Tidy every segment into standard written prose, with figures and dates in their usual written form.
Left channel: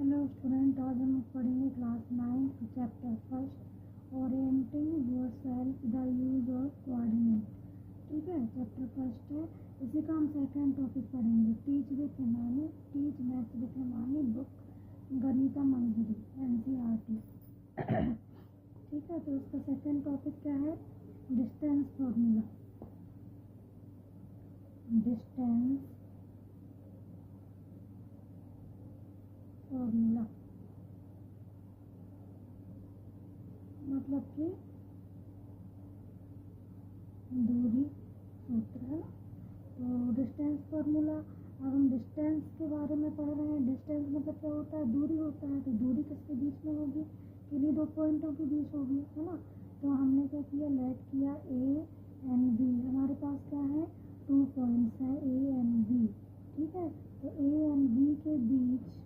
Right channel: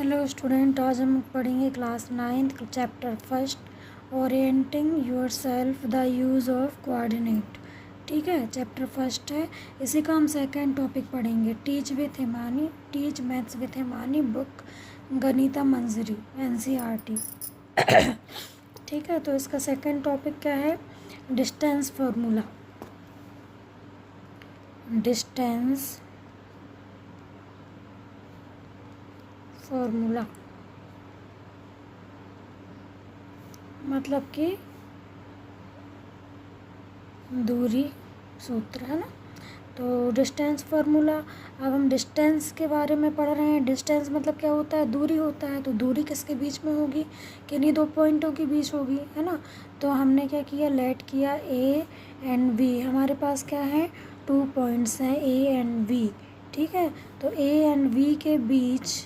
Hello student, आज हम पढ़ेंगे class 9th chapter first orienting yourself the use of coordinate. ठीक है, चैप्टर फर्स्ट है। इसी का हम सेकंड टॉपिक पढ़ेंगे, teach with Himani, teach maths with Himani, book Ganita Manjari NCERT। ठीक है, तो इसका सेकंड टॉपिक क्या है? Distance formula. डिस्टेंस फार्मूला मतलब कि दूरी सूत्र है ना। तो डिस्टेंस फार्मूला, अब हम डिस्टेंस के बारे में पढ़ रहे हैं। डिस्टेंस मतलब क्या होता है? दूरी होता है। तो दूरी किसके बीच में होगी? किन्हीं दो पॉइंटों के बीच होगी, है ना। तो हमने क्या किया, लेट किया A एंड B। हमारे पास क्या है? 2 पॉइंट्स हैं A एंड B। ठीक है, तो A एंड B के बीच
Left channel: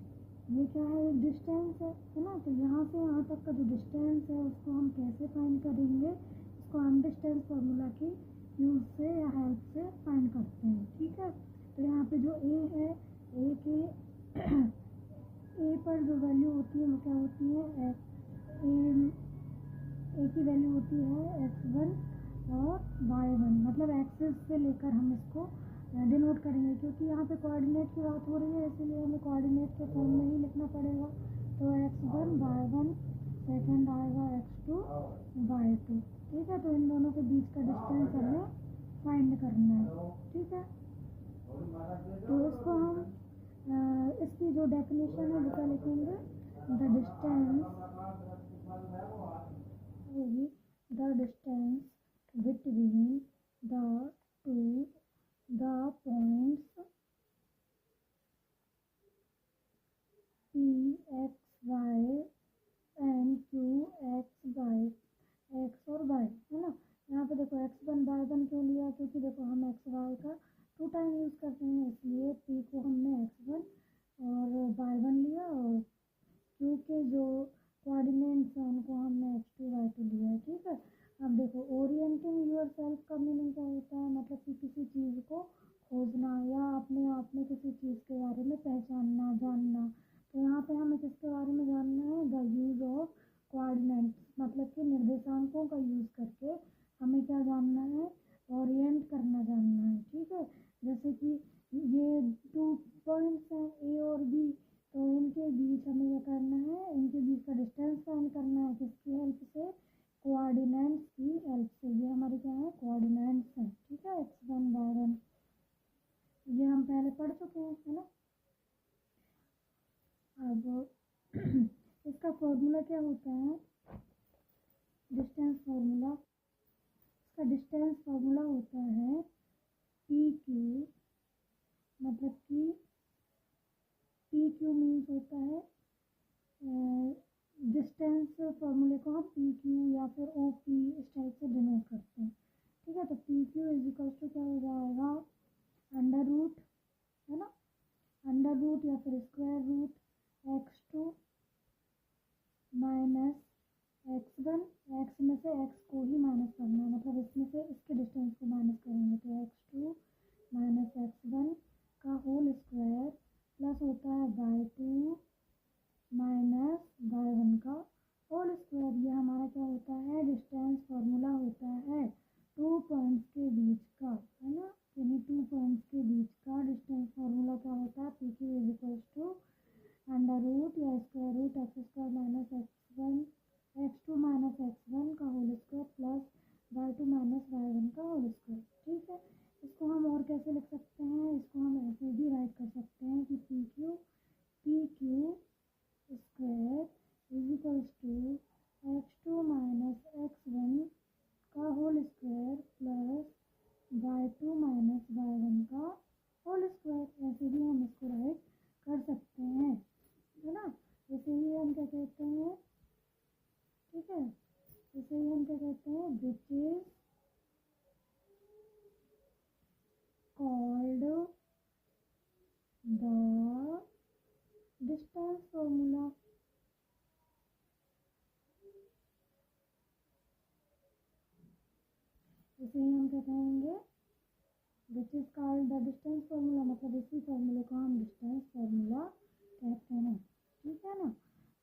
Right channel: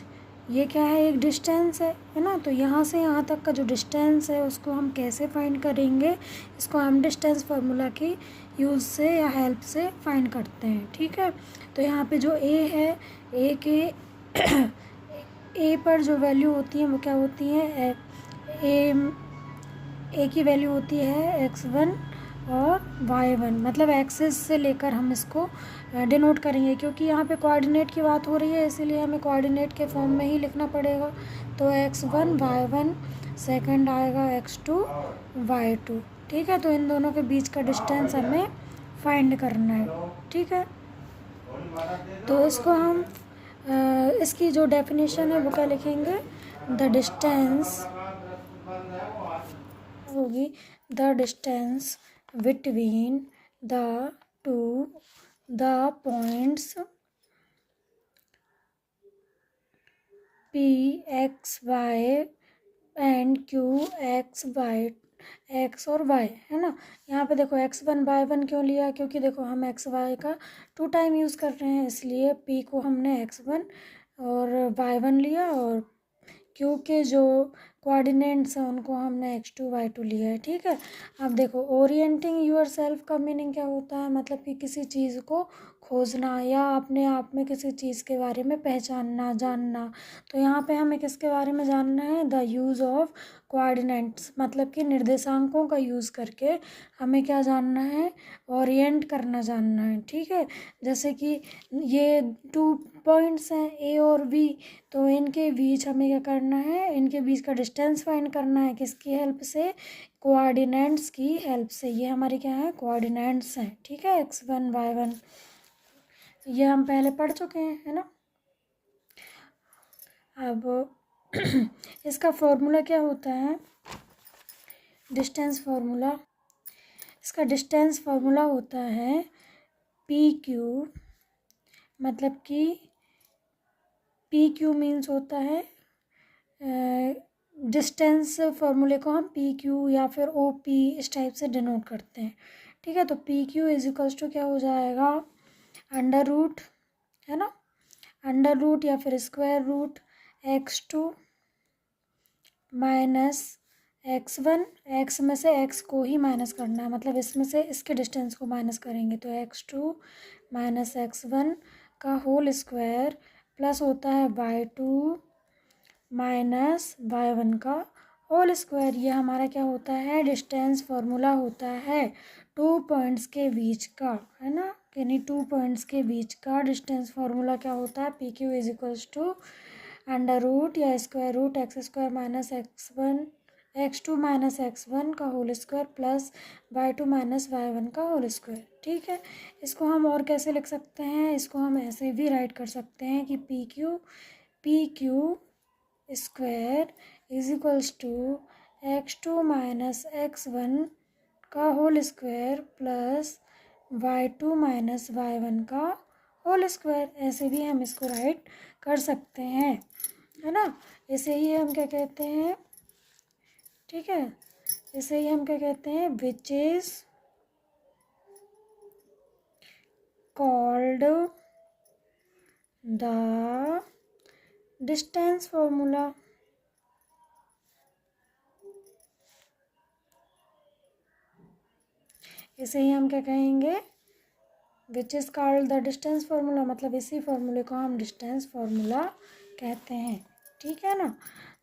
ये क्या है? एक डिस्टेंस है ना। तो यहाँ से यहाँ तक का जो डिस्टेंस है उसको हम कैसे फाइंड करेंगे? इसको हम डिस्टेंस फार्मूला की यूज़ से या हेल्प से फाइंड करते हैं। ठीक है, तो यहाँ पे जो A है, A के A पर जो वैल्यू होती है वो क्या होती है? A की वैल्यू होती है x1 और y1, मतलब एक्सिस से लेकर हम इसको डिनोट करेंगे, क्योंकि यहाँ पे कोऑर्डिनेट की बात हो रही है, इसीलिए हमें कोऑर्डिनेट के फॉर्म में ही लिखना पड़ेगा। तो x1 y1, सेकंड आएगा x2 y2। ठीक है, तो इन दोनों के बीच का डिस्टेंस हमें फाइंड करना है। ठीक है, तो इसको हम इसकी जो डेफिनेशन है वो क्या लिखेंगे? द डिस्टेंस होगी the distance between the two the points P x y and Q x y, x और y, है ना। यहाँ पे देखो x1 y1 क्यों लिया? क्योंकि देखो हम x y का 2 टाइम यूज़ कर रहे हैं, इसलिए P को हमने x1 और y1 लिया, और Q के जो कोऑर्डिनेट्स हैं उनको हमने x2 y2 लिया है। ठीक है, अब देखो ओरिएंटिंग यूर सेल्फ का मीनिंग क्या होता है? मतलब कि किसी चीज़ को खोजना या अपने आप में किसी चीज़ के बारे में पहचानना, जानना। तो यहाँ पे हमें किसके बारे में जानना है? द यूज़ ऑफ कोऑर्डिनेट्स, मतलब कि निर्देशांकों का यूज़ करके हमें क्या जानना है? ओरिएंट करना जानना है। ठीक है, जैसे कि ये 2 पॉइंट्स हैं A और B, तो इनके बीच हमें क्या करना है? इनके बीच का डिस्टेंस फाइंड करना है। किसकी हेल्प से? कोऑर्डिनेट्स की हेल्प से। ये हमारे क्या है? कोऑर्डिनेट्स हैं। ठीक है, x1 y1 ये हम पहले पढ़ चुके हैं, है ना। अब इसका फॉर्मूला क्या होता है? डिस्टेंस फार्मूला, इसका डिस्टेंस फार्मूला होता है PQ, मतलब कि PQ मीन्स होता है डिस्टेंस फार्मूले को हम PQ या फिर OP इस टाइप से डिनोट करते हैं। ठीक है, तो PQ इज इक्वल्स टू क्या हो जाएगा? अंडर रूट, है ना, अंडर रूट या फिर square root x2 minus x1। x में से x को ही माइनस करना है, मतलब इसमें से इसके डिस्टेंस को माइनस करेंगे, तो x2 माइनस x1 का होल स्क्वायर प्लस होता है y2 माइनस y1 का होल स्क्वायर। ये हमारा क्या होता है? डिस्टेंस फार्मूला होता है 2 पॉइंट्स के बीच का, है ना। यानी 2 पॉइंट्स के बीच का डिस्टेंस फार्मूला क्या होता है? PQ is equals to under root या square root x² minus x2 minus x1 का whole square plus y2 minus y1 का होल स्क्वायर। ठीक है, इसको हम और कैसे लिख सकते हैं? इसको हम ऐसे भी राइट कर सकते हैं कि PQ square is equals to x2 minus x1 का whole square plus y2 minus y1 का होल स्क्वायर। ऐसे भी हम इसको राइट कर सकते हैं, है ना। इसे ही हम क्या कहते हैं? ठीक है, इसे ही हम क्या कहते हैं? Which is called the distance formula. इसे ही हम क्या कहेंगे? Which is called the distance formula, मतलब इसी फार्मूले को हम डिस्टेंस फार्मूला कहते हैं। ठीक है ना।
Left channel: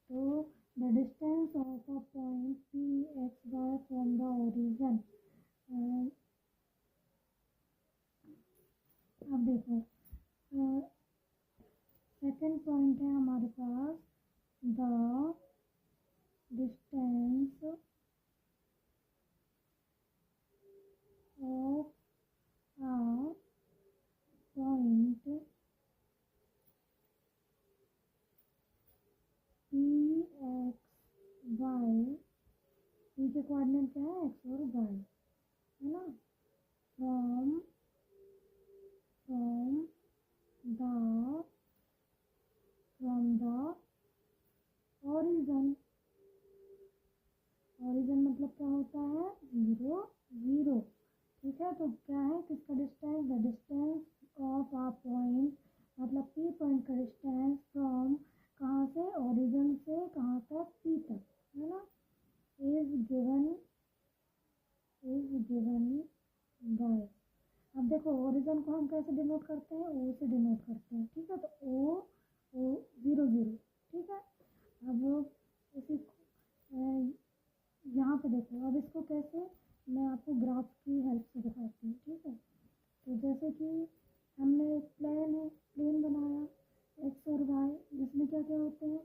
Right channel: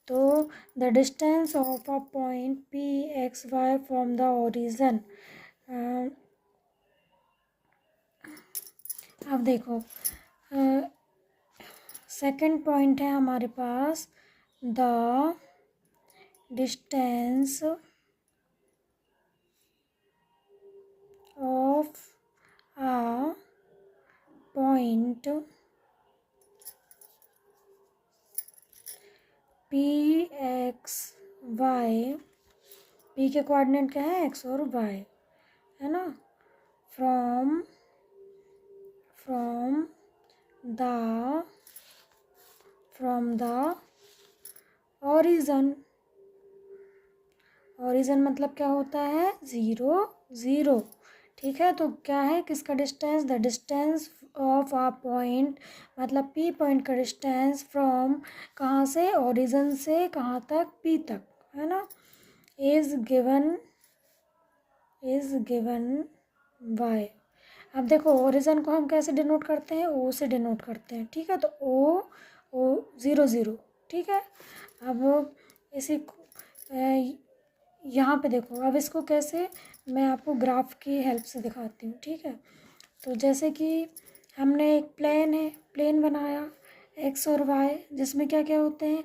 तो the distance of a point P X Y from the origin. अब देखो सेकंड पॉइंट है हमारे पास, the distance of a point P X Y, P के कोऑर्डिनेट क्या है, एक्स और वाई, है ना, from from the origin. Origin मतलब क्या होता है, ज़ीरो ज़ीरो। ठीक है, तो क्या है किसका distance, the distance of a point, मतलब पी पॉइंट का डिस्टेंस फ्रॉम, कहाँ से, ओरिजन से कहाँ तक, पी तक, है ना, इज गिवन बाय। अब देखो ओरिजन को हम कैसे डिनोट करते हैं, ओ से डिनोट करते हैं। ठीक है, तो ओ ज़ीरो ज़ीरो। ठीक है, अब इसी यहाँ पे देखो, अब इसको कैसे, मैं आपको ग्राफ की हेल्प से दिखाती हूँ। ठीक है, तो जैसे कि हमने एक प्लेन बनाया एक्स और वाई, जिसमें क्या क्या होते हैं,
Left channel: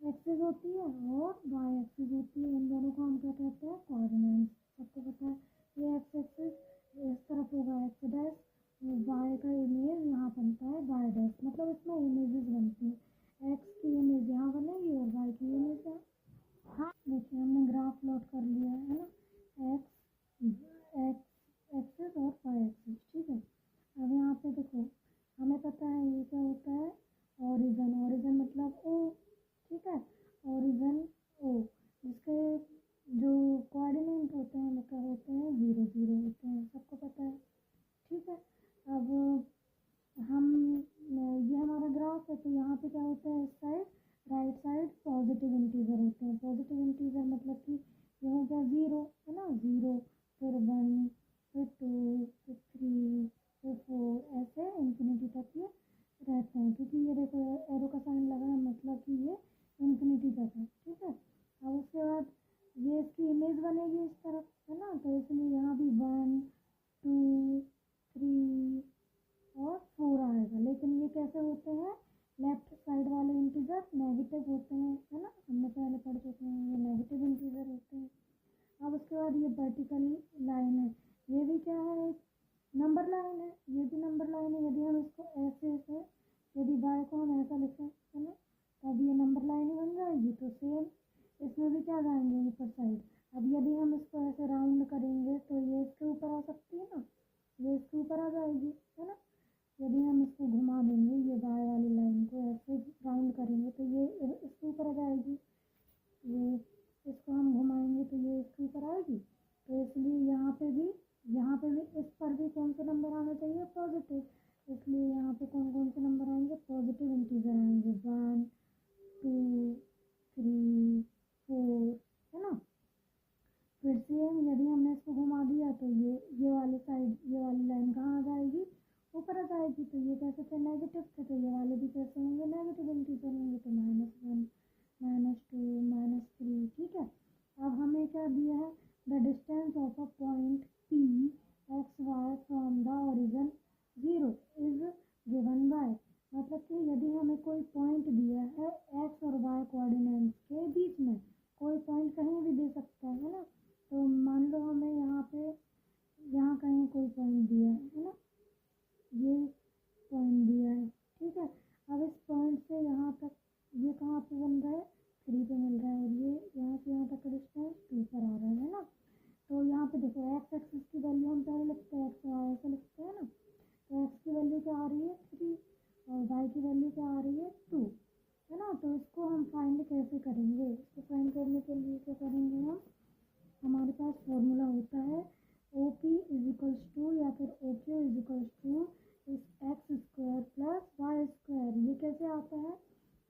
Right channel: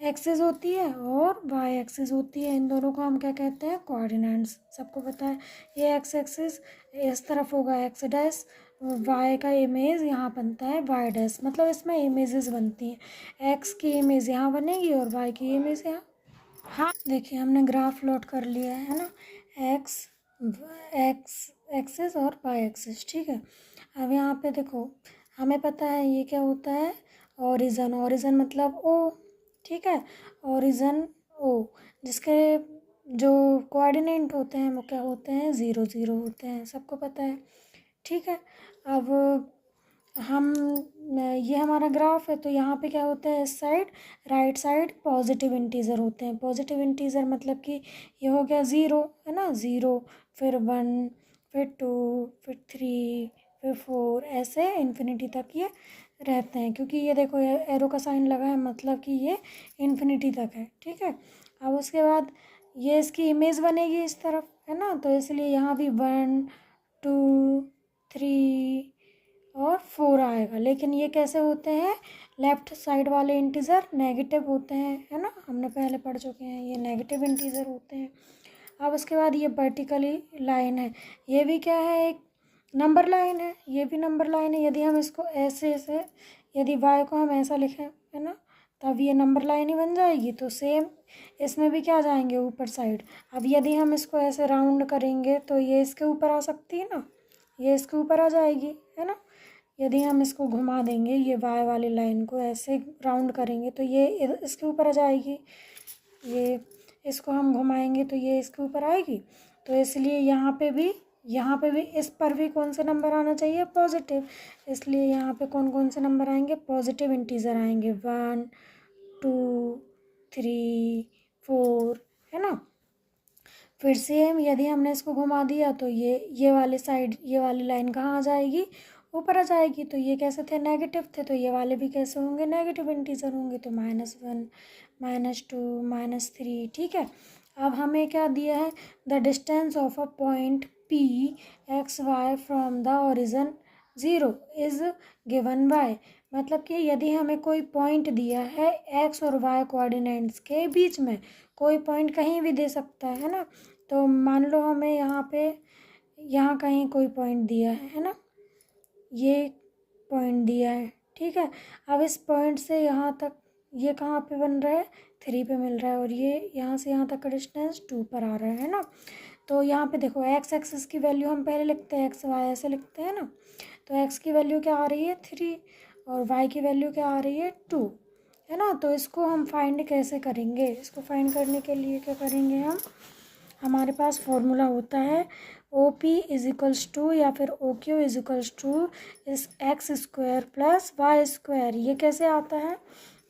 एक्सेस होती है और वाई एक्सेस होती है। इन दोनों को हम क्या कहते हैं, कोऑर्डिनेट्स। सबको पता है ये एक्स एक्सिस इस तरफ होगा एक्स डैश, वाई का इमेज यहाँ बनता है वाई डैश, मतलब इसमें इमेजेस बनती हैं, एक्स की इमेज यहाँ बनेगी और वाई की इमेज यहाँ। हाँ देखिए हमने ग्राफ प्लॉट कर लिया है ना, एक्स एक्स एक्सेस और वाई एक्सेस। ठीक है, अब यहाँ पे देखो हमें पता है ये क्या होता है, ओरिजन मतलब ओ। ठीक है, ओरिजन ओ, जिसके जो कोऑर्डिनेट होते हैं वो क्या होते हैं, ज़ीरो ज़ीरो होते हैं, सबको पता है। ठीक है, अब हम ये हमारा ग्राफ है, तो यहाँ पे क्या होता है, इस side right side positive integer होते हैं। पॉजिटिव इंटीजर मतलब कि ये हो गया ज़ीरो, है ना, ज़ीरो, फिर वन, फिर टू, फिर थ्री, फिर फोर, ऐसे इन्फिनिटी तक ये रहते हैं। क्योंकि ये देखो एरो का साइन लगा है, मतलब कि ये इन्फिनिटी तक है। ठीक है, अब उसके बाद ये इसकी इमेज बनेगी इस तरफ, है ना, तो इसलिए यहाँ भी वन, टू, थ्री और फोर आएगा। लेकिन ये कैसे होते हैं, लेफ्ट साइड वाले इंटीजर नेगेटिव होते हैं, है ना, हमने पहले पढ़ चुके हैं, ये नेगेटिव इंटीजर होते हैं। अब उसके बाद ये वर्टिकली लाइन है, ये भी क्या है, एक नंबर लाइन है, ये भी नंबर लाइन है। यदि हम इसको ऐसे यदि वाई को हम ऐसा लिखें, है ना, तब ये नंबर लाइन ही बन जाएगी। तो सेम इसमें भी क्या जाएंगे, ऊपर साइड। अब यदि हम इसको ऐसे राउंड करेंगे तो ये इसके ऊपर आ सकती है ना, ये इसके ऊपर आ जाएगी, है ना। यदि हम इसको घुमा देंगे, ये वाई वाली लाइन को ऐसे राउंड करेंगे तो ये इसके ऊपर आ जाएगी, ये इसको हम घुमाएंगे तो ये इसके ऊपर आएगी। तो इसलिए यहाँ पे भी इस पर भी कौन से नंबर आना चाहिए, पॉजिटिव। इसलिए यहाँ पे कौन कौन से नंबर आएंगे, पॉजिटिव इंटीजर आएंगे, वन, टू, थ्री, फोर, है ना। फिर सेम यदि हमने इसको घुमा दिया तो ये वाली साइड, ये वाली लाइन कहाँ आ जाएगी, ऊपर आ जाएगी। तो ये कैसे थे, नेगेटिव थे, तो ये वाले भी कैसे होंगे, नेगेटिव इंटीजर होंगे। तो minus one, minus two, minus three. ठीक है, अब हमें क्या दिया है, the distance of a point P X Y from the origin zero is given by. मतलब कि यदि हमें कोई पॉइंट दिया है एक्स और वाई कोऑर्डिनेट्स के बीच में, कोई पॉइंट कहीं भी दे सकता है ना। तो मान लो हमें यहाँ पे, यहाँ कहीं कोई पॉइंट दिया है ना, ये पॉइंट दिया है। ठीक है, अब इस पॉइंट से यहाँ तक ये कहाँ पे बन रहा है, थ्री पे मिल रहा है, और ये यहाँ से यहाँ तक का डिस्टेंस टू पर आ रहा है ना। तो यहाँ पे देखो एक्स एक्सिस की वैल्यू हम पहले लिखते हैं, एक्स वाई ऐसे लिखते हैं ना। तो एक्स की वैल्यू क्या आ रही है, थ्री, और वाई की वैल्यू क्या आ रही है, टू, है ना। तो इसको हम फाइंड कैसे करेंगे, इसको फाइंड करने के लिए क्या करेंगे हम, हमारे पास फॉर्मूला होता है O P is equals to या फिर O Q is equals to इस X square plus Y square. ये कैसे आता है,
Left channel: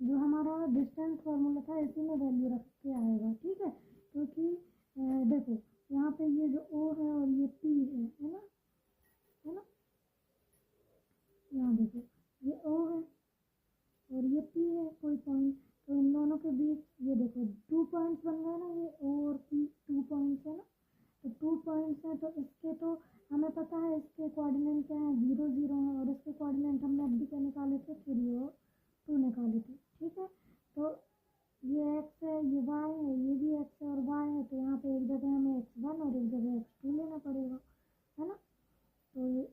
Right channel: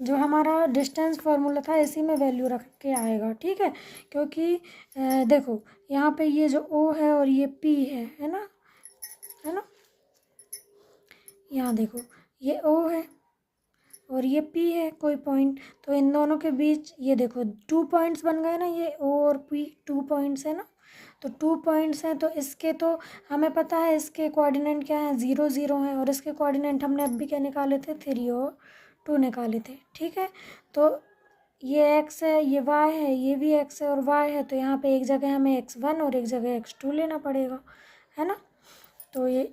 जो हमारा डिस्टेंस फार्मूला था इसी में वैल्यू रख के आएगा। ठीक है, क्योंकि देखो यहाँ पे ये जो ओ है और ये पी है ना, है ना, यहाँ देखो ये ओ है और ये P है कोई पॉइंट, तो इन दोनों के बीच ये देखो 2 पॉइंट्स बन गए ना, ये O और P 2 पॉइंट्स है ना, तो 2 पॉइंट्स हैं, तो इसके तो हमें पता है इसके कोऑर्डिनेट क्या है, 0 0 हैं, और इसके कोऑर्डिनेट हमने अब भी क्या निकाले थे, 3 और 2 निकाले थे। ठीक है, तो ये x है, ये y है, ये भी x है और y है, तो यहाँ पे एक जगह हमें x1 और एक जगह x2 लेना पड़ेगा, है ना। तो ये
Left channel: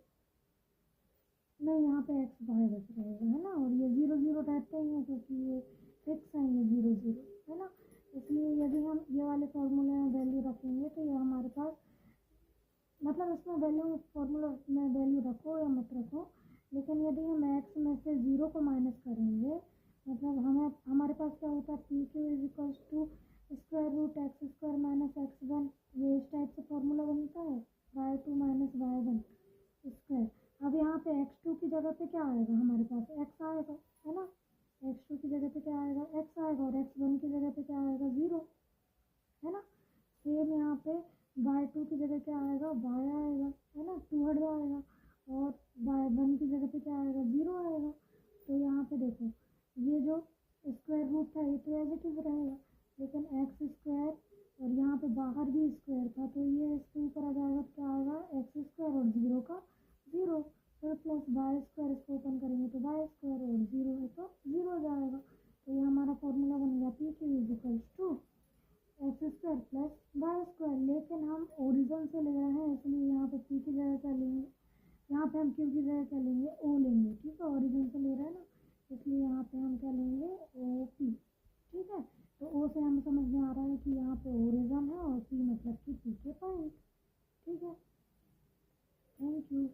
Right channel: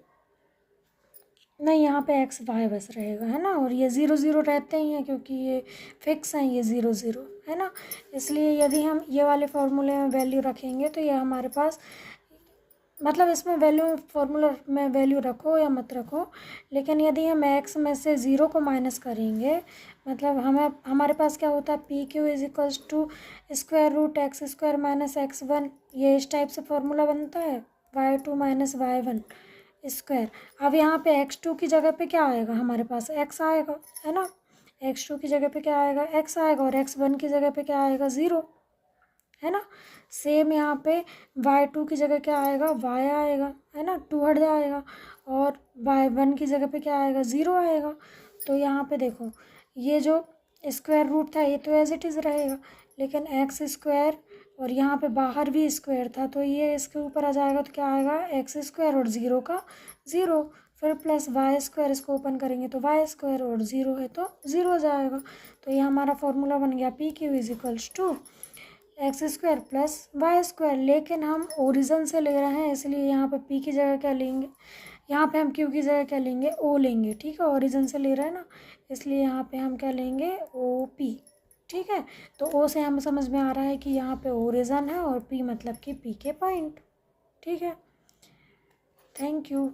नहीं, यहाँ पे एक्स वाई बस रहेगा, है ना, और ये 0 0 रहते ही हैं क्योंकि ये फिक्स हैं, ये 0 0 है ना। इसलिए यदि हम ये वाले फार्मूले में वैल्यू रखेंगे तो ये हमारे पास, मतलब इसमें वैल्यू, फार्मूला में वैल्यू रखो या मत रखो, लेकिन यदि हम एक्स में से 0 को माइनस करेंगे, मतलब हमारे पास क्या होता है, P Q is equals to square root X square minus x1, ये इस टाइप से फार्मूला बनता है, y2 माइनस y1 स्क्वायर। अब यहाँ पे x2 की जगह पे क्या आएगा, हमारे पास x आएगा, है ना, x2 की जगह पे क्या आएगा, x आएगा, और x1 की जगह पे क्या आएगा, 0, है ना। सेम यहाँ पे y2 की जगह क्या आएगा, y आएगा, है ना, 2 हट जाएगा, और y1 की जगह पे क्या आएगा, 0 आएगा। तो यहाँ पे देखो, ये जो स्क्वायर रूट था ये तो एज इट इज़ रहेगा, लेकिन एक्स स्क्वायर और यहाँ पे बाहर भी स्क्वायर था, तो ये इसके ऊपर आ जाएगा, तो क्या आएगा, एक्स स्क्वायर और 0 का 0, फिर प्लस वाई स्क्वायर, इसको ओपन करेंगे तो वाई स्क्वायर, और 0 है तो 0 हो जाएगा। तो ये हमारा फॉर्मूला बन गया, P Q is equals to X square plus Y square, लेकिन हम ओरिजिन से ले रहे हैं, इसलिए यहाँ पे पी की जगह क्या लेंगे, यहाँ पे हम क्यू की जगह क्या लेंगे, ओ लेंगे। ठीक है, ओरिजिन से ले रहे हैं ना, इसलिए यहाँ पे हम क्या लेंगे, ओ पी। ठीक है, तो ओ से हमें समझ में आ रहा है कि यहाँ पे ओरिजिन है, और पी मतलब कि पी के पॉइंट। ठीक है, थैंक यू।